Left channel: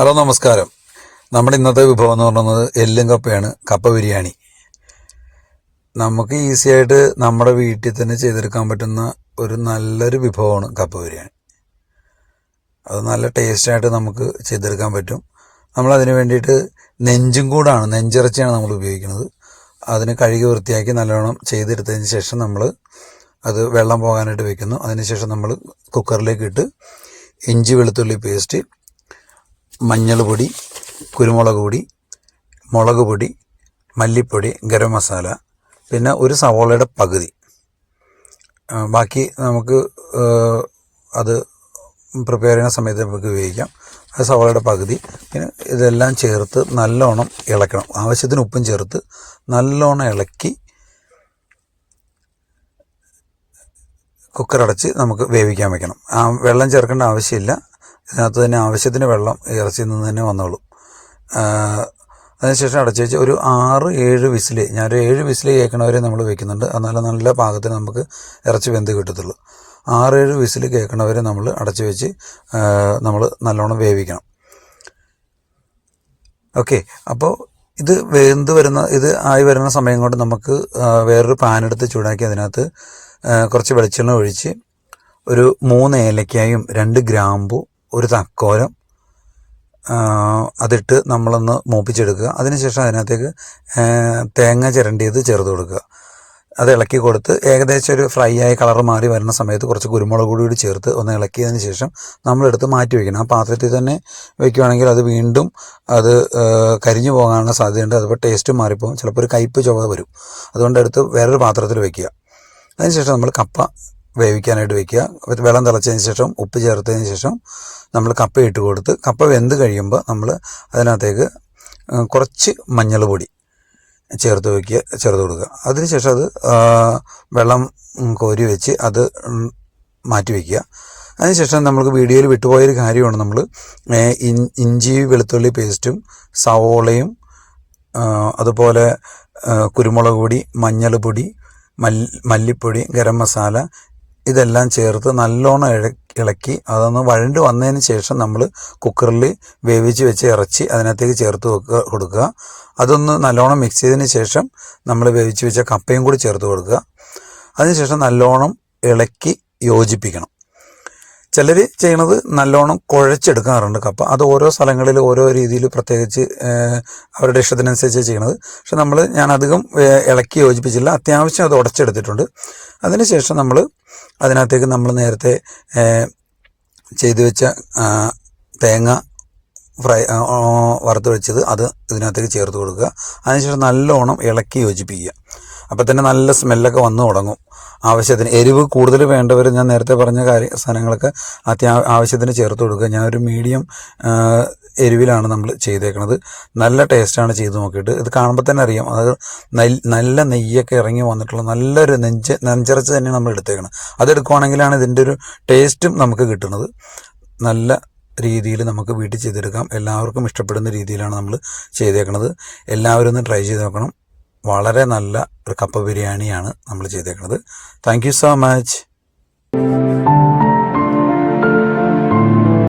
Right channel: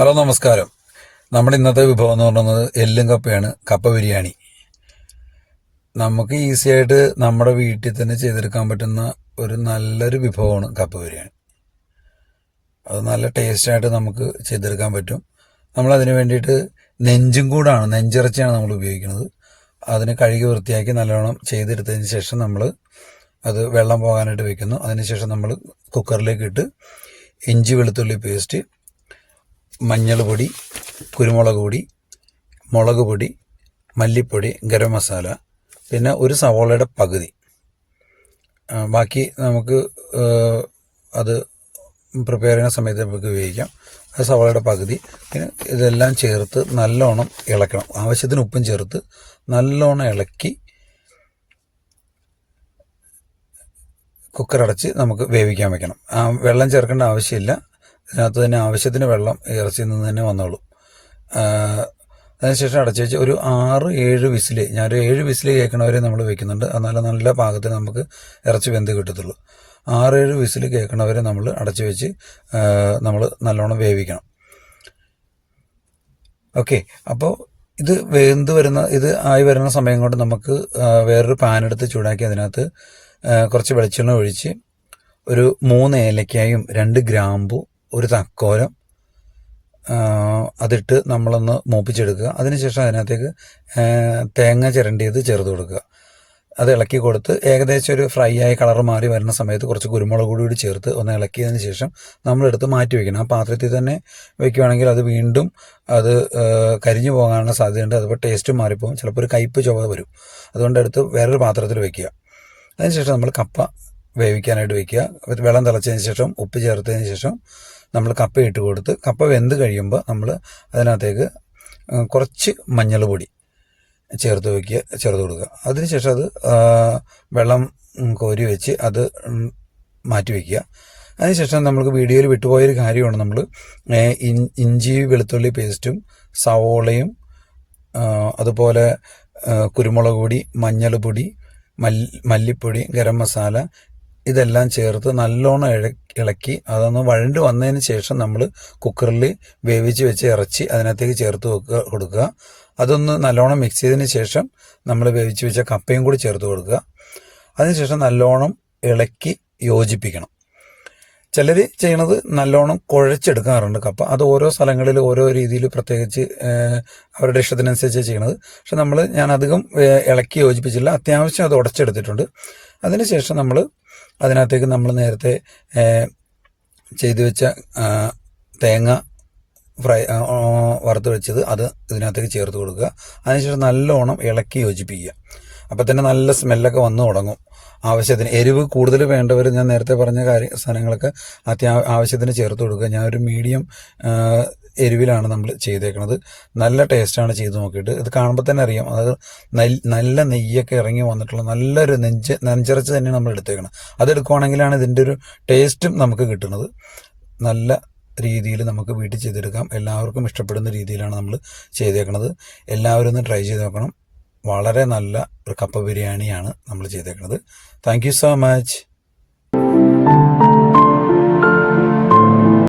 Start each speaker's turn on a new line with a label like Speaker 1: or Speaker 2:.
Speaker 1: Hello നമസ്കാരം. നമ്മുടെ ഇന്നത്തെ വിഭവം എന്ന് പറയുന്നത് എല്ലും കപ്പയാണ് കപ്പ ബിരിയാണി. നമുക്ക് ഈസി ആയിട്ട് നമ്മുടെ വീട്ടിൽ തന്നെ ചെയ്തെടുക്കാൻ പറ്റുന്ന ഒരു നല്ലൊരു വിഭവമാണ് കപ്പ ബിരിയാണി. അത് നല്ല ടേസ്റ്റായിട്ട് നമുക്ക് ചെയ്തെടുക്കാൻ പറ്റും. നമ്മൾ അതിന് വേണ്ടിയിട്ട് നെഞ്ചും കൂടാണ് നെഞ്ചിറച്ചിയാണ് നമ്മൾ ഉപയോഗിക്കുന്നത്. അതിന് കഴുകി വൃത്തിയാക്കി നല്ലോണം ചെയ്തെടുത്തതിന് ശേഷം നമ്മൾ അത് വെള്ളം പോകാനായിട്ട് വെക്കുന്നു. അതിനുശേഷം നമ്മൾ കുക്കറിലേക്ക് ഇട്ട് ഇഞ്ചി വെളുത്തുള്ളി പേസ്റ്റ് മഞ്ഞൾ പൊടി കുരുമുളക് പൊടി മുളക് പൊടി മല്ലിപ്പൊടി ഗരം മസാല പിന്നെ ഒരു സവോളയുടെ പകുതി. ബാക്കി നമുക്ക് അത് പ്രിപ്പയർ ചെയ്യുന്ന സമയത്ത് നമുക്ക് ഉപയോഗിക്കാം ആ സവോളയുടെ പകുതി. ഇതെല്ലാം ചേർത്ത് നല്ലോണം ഇളക്കണം. ആവശ്യത്തിന് ഉപ്പും ചേർത്ത് നല്ലോണം ഇളക്കി കുക്കർ അടച്ച് നമുക്ക് വേവിക്കാൻ വെക്കണം. ആ വെള്ളം ചേർക്കേണ്ട ആവശ്യമില്ല. ഇതിനകത്ത് തന്നെ ആവശ്യത്തിന് വെള്ളം ഇറച്ചിയിൽ നിന്ന് തന്നെ വന്നോളൂ. അതിനുശേഷം അടച്ചു വെച്ച് ഒരു ആറ് ഏഴ് വിസിൽ ഞാനൊരു ഏഴ് വിസിൽ കേൾക്കണവരെ നമ്മൾ വെക്കുന്നുണ്ട്. എന്നാലും നല്ല പാകത്തിന് നമുക്ക് ഇറച്ചി വെന്ത് കിട്ടത്തുള്ളൂ. ആറ് ഏഴ് വിസിൽ കേൾക്കണവരെ നമ്മൾ അടച്ചു വെച്ച് നമ്മൾ നല്ലോണം വേവിക്കണം. ഓക്കെ അപ്പോൾ ഇത് വെന്ത് വരുന്ന ഇത് ആയി വരുന്ന സമയം കൊണ്ട് നമുക്ക് വേറൊരു പാനെടുത്ത് ചൂടാക്കി അതിനകത്ത് കുറച്ച് വെളിച്ചെണ്ണ ഒഴിച്ച് ഒരു മൂന്ന് ഏലക്കായും രണ്ട് ഗ്രാമ്പു ഒരു തക്കോലം അതിട്ട് നമ്മളൊന്ന് മൂപ്പിച്ചെടുക്കുക. അതിനുശേഷം അതിനകത്തേക്ക് തേങ്ങ ചിരണ്ടിയത് ചേർത്ത് കൊടുക്കുക. അത് ഇളക്കി കൊടുത്ത് ഏകദേശം ഒരു ഫ്രൈ ആയി കളർ മാറി വരുന്ന സമയത്ത് കുറച്ച് കുരുമുളക് കൂടി കൂടി ചേർത്ത് ഒന്ന് ഇളക്കിയതിന് ശേഷം നമ്മളെടുത്ത് മാറ്റി വയ്ക്കണം. ആ പാത്രത്തിൽ തന്നെ വെക്കുകയാണെങ്കിൽ അത് വീണ്ടും അത് കരിഞ്ഞു പോകാനുള്ള സാധ്യതയുണ്ട്. അതിപ്പോൾ ടേസ്റ്റ് മാറിപ്പോകും. ചിലപ്പോൾ ഒരു കയ്പ്പ് ചുവ വരും. അതുകൊണ്ട് എടുത്ത് വേറൊരു പാത്രത്തിൽ വെക്കുക അതിനുശേഷം നമ്മൾ കപ്പ വേവിക്കാനായിട്ട് വെക്കുക. വെള്ളം തിളച്ചതിന് ശേഷം ഉപ്പ് ചേർത്തതിന് ശേഷം നമ്മൾ കപ്പ ഇട്ട് കൊടുത്ത് കപ്പ വെന്ത് കഴിയുമ്പോൾ നമ്മൾ അതിനകത്തേക്ക് കുറച്ച് മഞ്ഞൾ പൊടി ചേർത്ത് വയ്ക്കുക ചേർത്ത് കൊടുക്കുക. അതിനുശേഷം അത് വെള്ളം കോരി വെച്ച് അത് മാറ്റി വയ്ക്കുക അതിനുശേഷം നമുക്ക് വീഡിയോയിൽ വിട്ടുപോയൊരു കാര്യമാണ് നമ്മൾ ഇഞ്ചി വെളുത്തുള്ളി പേസ്റ്റും സവോളയും അതുപോലെ കുരുമുളക് പൊടി മഞ്ഞൾ പൊടി മല്ലിപ്പൊടി ഗരം മസാല ഇതെല്ലാം ചേർത്ത് നല്ലോണം ഇളക്കി അതൊന്ന് വഴണ്ട് വന്നതിന് ശേഷം നമ്മൾ കുക്കറിൽ വേവിച്ച് വെച്ച് ഇറച്ചി അതിനകത്തേക്ക് ചേർത്ത് വെക്കുക കൊടുക്കുക. അതൊന്ന് നല്ലോണം മിക്സ് ചെയ്തതിന് ശേഷം നമ്മൾ വേവിച്ച് വെച്ച കപ്പയും കൂടി ചേർത്ത് കൊടുക്കുക. അതിനുശേഷം നല്ലോണം ഇളക്കി യോജിപ്പിക്കണം. ചിലർ ചെയ്യണത് നല്ലോണം കുഴച്ചെടുക്കാറുണ്ട്. കപ്പ അത് ഓരോ സ്ഥലങ്ങളിൽ ഓരോ രീതിയിൽ പ്രത്യേകിച്ച് അവരുടെ ഇഷ്ടത്തിനനുസരിച്ച് ചെയ്യണത്. പക്ഷെ നമ്മൾ ഞാൻ അധികം ഇളക്കി യോജിപ്പിച്ചില്ല അത്യാവശ്യം അത് ഉടച്ചെടുത്തിട്ടുണ്ട്. അതിനുശേഷം നമ്മൾ അതിനകത്തേക്ക് നമ്മൾ നേരത്തെ ചെയ്തു വെച്ച തേങ്ങ ഫ്രൈ വറുത്ത് വെച്ചത് അത് ഇതിനകത്തേക്ക് ചേർത്ത് കൊടുക്കുക. അതിനുശേഷം നല്ലോണം ഇളക്കി യോജിപ്പിക്കുക. അപ്പം തന്നെ നല്ല സ്മെല്ലൊക്കെ വന്നു തുടങ്ങും. ആവശ്യത്തിന് എരിവ് കൂടുതൽ വേണ്ടവർ ഞാൻ നേരത്തെ പറഞ്ഞ കാര്യ സാധനങ്ങളൊക്കെ അത്യാ ആവശ്യത്തിന് ചേർത്ത് കൊടുക്കുക. ഞാൻ ഒരു മീഡിയം എരിവിലാണ് നമ്മൾ ചെയ്തേക്കുന്നത് നല്ല ടേസ്റ്റാണ് ചെയ്ത് നോക്കിയിട്ട്. ഇത് കാണുമ്പോൾ തന്നെ അറിയാം. അത് നല്ല നെയ്യൊക്കെ ഇറങ്ങി വന്നിട്ടുള്ള നല്ലൊരു നെഞ്ച് നെഞ്ചിറച്ച് തന്നെ നമ്മൾ എടുത്തേക്കണം അതെടുക്കുവാണെങ്കിലാണ് ഇതിന്റെ ഒരു ടേസ്റ്റും നമുക്ക് കിട്ടുന്നത്. നല്ല രീതിയിൽ നമുക്ക് വീട്ടിൽ ചെയ്തെടുക്കാം. എല്ലാവർക്കും ഇഷ്ടപ്പെടുന്ന രീതിയിലാണ് നമ്മൾ ചെയ്തേക്കുന്നത് എല്ലാവരും ഒന്ന് ട്രൈ ചെയ്ത് നോക്കണം. വളരെ നല്ല ഒരു കപ്പ ബിരിയാണിയാണ് നമ്മൾ ചെയ്തേക്കുന്നത്. Thank so much